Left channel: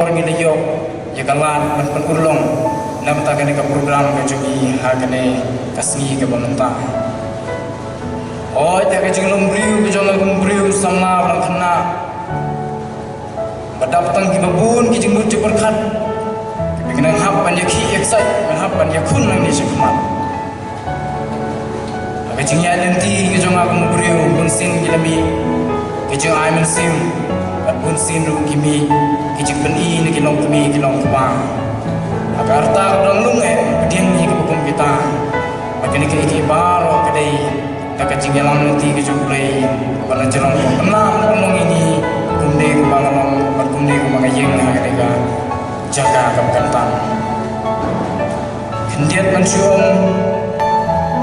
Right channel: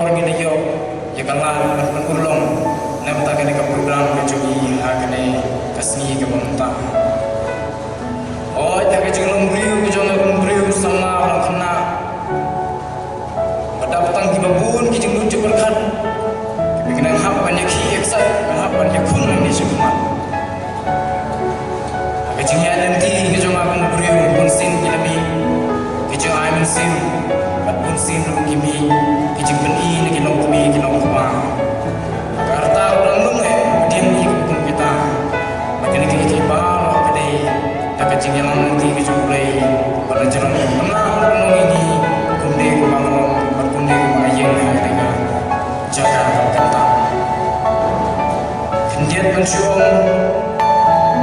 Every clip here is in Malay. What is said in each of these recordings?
orang ini yo ya kalan penulong nam ta kene ka program ka jogi ha kene kasni ka banta oi ta ka jinglong briu ka jonga kong briu sama orang kena badap tang ki babun ki jingmut jepar khat ki kenang hap ban ya ki eksai ban hap ban ya kun nang ni sekmat ha ka jingya lenti ki jonga kong briu bun sin ki lami ki jong ai men sim pun sin ru kimi kijing pen i ni kilong kami kilong kwa agar ta orang lung diam ni ke hukum kita makin ke iki baro kadai tak kajing yang nanti ke jumpai bala jerong tenang penung ini kumde kumangalong kumde kumangayeng harga jaga kentang kendiat mensyuong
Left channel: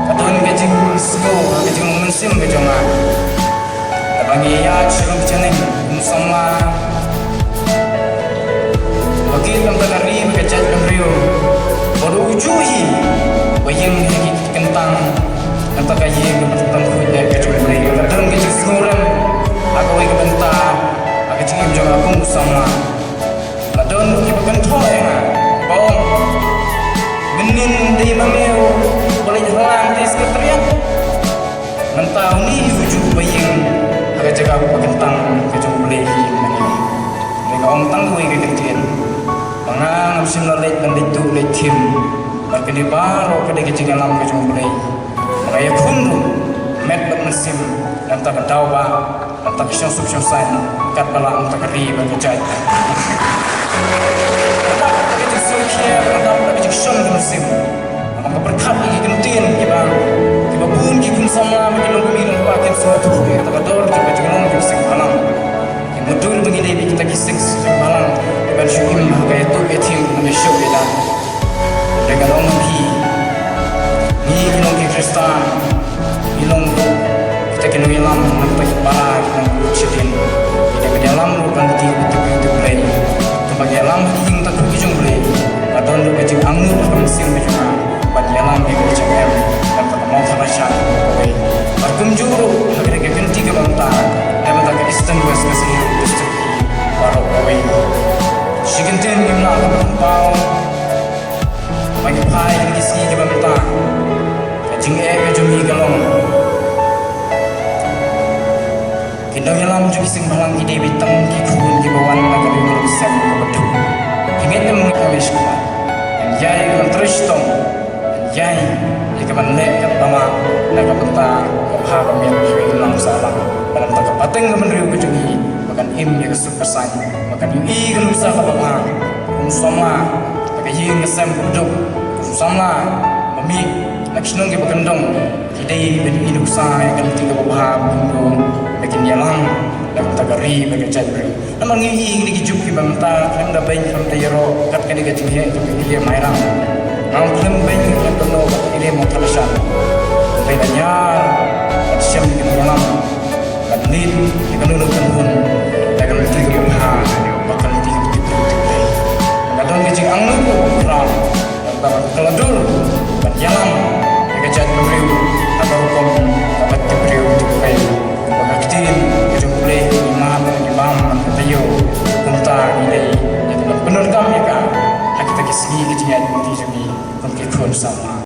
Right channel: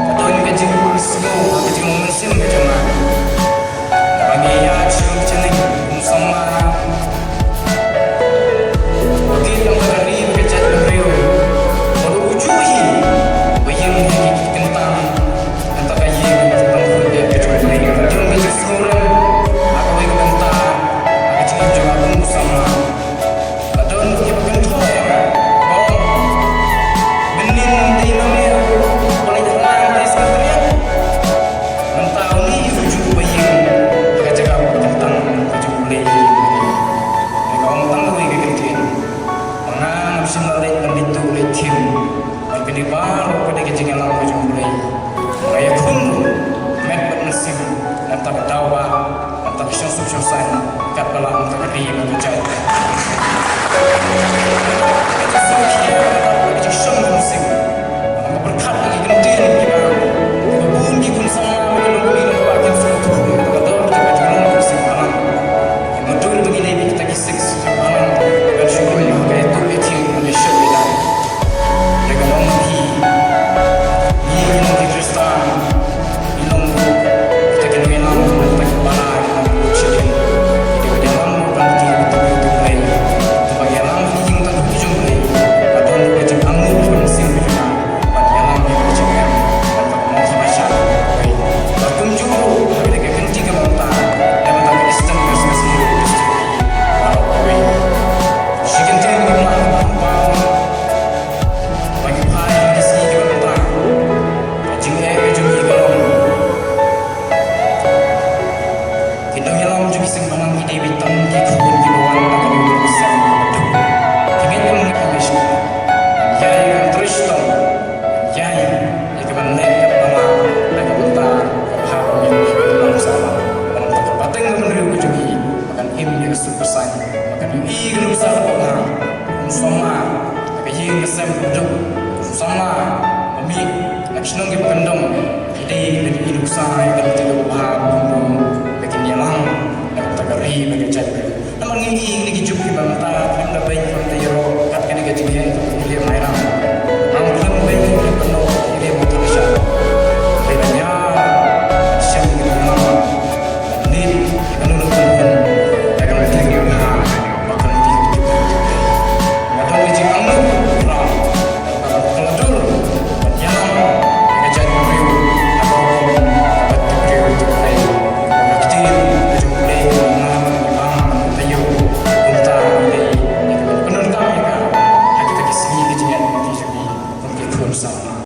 kadon kajing slow kajing mensim ke jonga bagi ya cilung ceneng sama bagi tangkari bekerja dengan baru ujuhi bayang kentang antara yang tentang kuda kecuali mereka kadang kecil seorang aku ingin bentar aku cingin juga aku sama kadang kita kentoy bom menin di mamil boleh jalan di sekretariat mentau ni ujuh bayang agak jaga aku kentang kejumlah mereka orang tangguh yang kecil mangang musim lalit dan itu letim bagi di baru kedai kecil alam kejumlah mereka kundu met bermusim dan tak ketawa dan tak syong-syong-syong kat balang tak keri bagi jahit tak kecil sungkia tak kecil syong musim maka berkat lagi kenutin kibang kibabun kikun sama minum pakin suatu kita kador juga junong sing alam mudul begini kita kisah sing alam dan syukur kaya tu etim manusia kita dengan orang ni minum Kristan minum kita kena alam nampak balai nampak sedih kita pada alam berhenti betul-betul play bagi alam hingga tak berujung play kadon kecil anggur akan musim berjumpa bagi alam yang kecil dan tak mau terbaca koi bakum juru harga kenti ke banta dan tak Kristen bersih destruksi baru koi sigenten gimana pau bagi pai kisi ke banta kajing ke jumi galong kindong alam juga sing balang ide bitang ki khun ki bawan na kalu misam ke bedu kingen yang kami semua jai kontristom jai ikaban nekat bama naga benta kabha pemian hilang salam banam tak pateng menriu kejugi makan im ya supersan makan ui gelusa kabha sama tak ying ngesem beduk sama mami nak sinong ke bakandong idai ben hidup sai kan tiga kabha bundu bikin yalang nak tagari bagi cari namang ngi ni gijuk ki banta kanda bain kam tayro kat kan ke jinghe to ile mairang ang klem bain kam penuh ile mo talasya bainnya siam ni yalang